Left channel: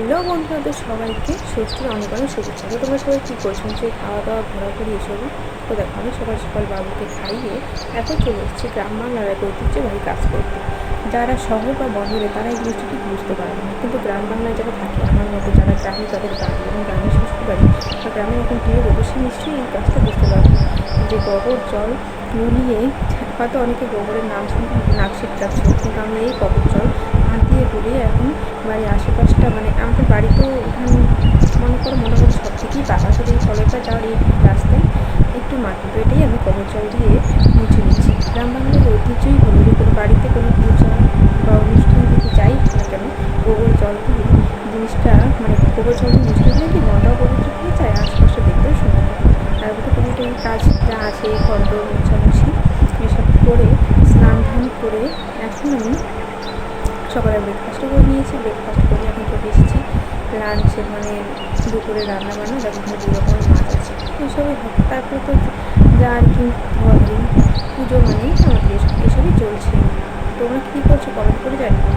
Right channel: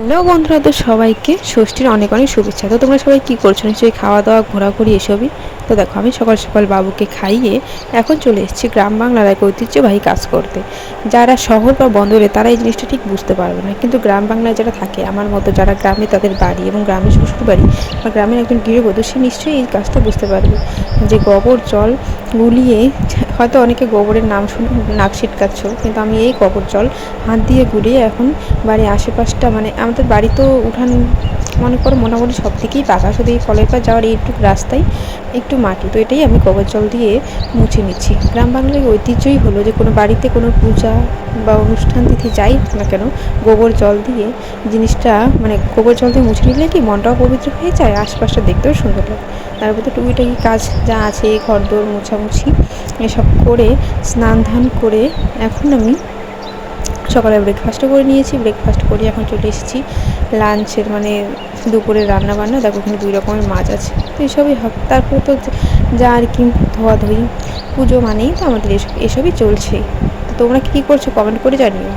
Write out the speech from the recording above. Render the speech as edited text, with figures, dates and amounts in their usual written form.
Hello বন্ধুরা, তো সবাইকে ষষ্ঠীর অনেক অনেক শুভেচ্ছা। তো তোমরা সবাই কী করছো? নিশ্চয়ই খাওয়া দাওয়া ঘোরাঘুরি এসবই। তো দেখো, আমি সকাল সকাল বাবুকে খাইয়ে এখন চলে এসেছি গ্রাম বাংলার এক ঐতিহ্যবাহী কাজ করতে। যারা শহর বা বন্দরে তারা এই জিনিসটা ঠিক বুঝতে পারবে না, কিন্তু গ্রাম বাংলায় যারা থাকে আমার মতো, যারা গ্রামে তাদের বাড়ি এবং গ্রামের শ্বশুর বাড়ি বা গ্রামের একজন গৃহবধূ, সে নিশ্চয়ই এই কাজটা বুঝতে পারবে যে গোবর জল গুলিয়ে, হয়তো অনেকে গোবরের নাম শুনে নাক ছিটকাচ্ছ, কিন্তু আমি এই গোবর জল হাত দিয়ে গুলিয়ে এখন বাড়ির আশেপাশটা, মানে আমাদের বাড়ি তো উঠান মনে করো মোটামুটি সব দিকেই পাকা, শুধু এই কলের পাড় যাওয়ার এইটুকু রাস্তায় একটু মাটি, তো এটাই আমি গোবর জল দিয়ে মুছে নিচ্ছি। গ্রাম বাংলার ঐতিহ্যই হলো যে কোনো বাড়িতে কোনো পূজা বা অনুষ্ঠান তিথি যাই হোক না কেন, গোবর জল দিয়ে জিনিসটা, মানে গোবর জল দিয়ে মুছে নিলে কি মনটাও পবিত্র হয়ে যায়, আশপাশটা দেখতেও সুন্দর লাগে। তারপর তো টুকিটাকি কাজ যা আছে, ঘরদোর মোছামুছি এসব করে স্নান ধান করে এখন আমি সকালে ব্রেকফাস্টও করে নিয়েছি। ব্রেকফাস্ট করে এখন চলে এসেছি লাঞ্চের, মানে দুপুরের রান্নাবান্না। দেখো ওখানে 2 রকমের মাছ আছে, তো এসবই হবে। তারপর তো যা আর কি, ধোয়াধুয়ি, পুজো মানেই তো আমাদের এসবই চলছে। তোমরা কী করছো কমেন্ট করে জানিও।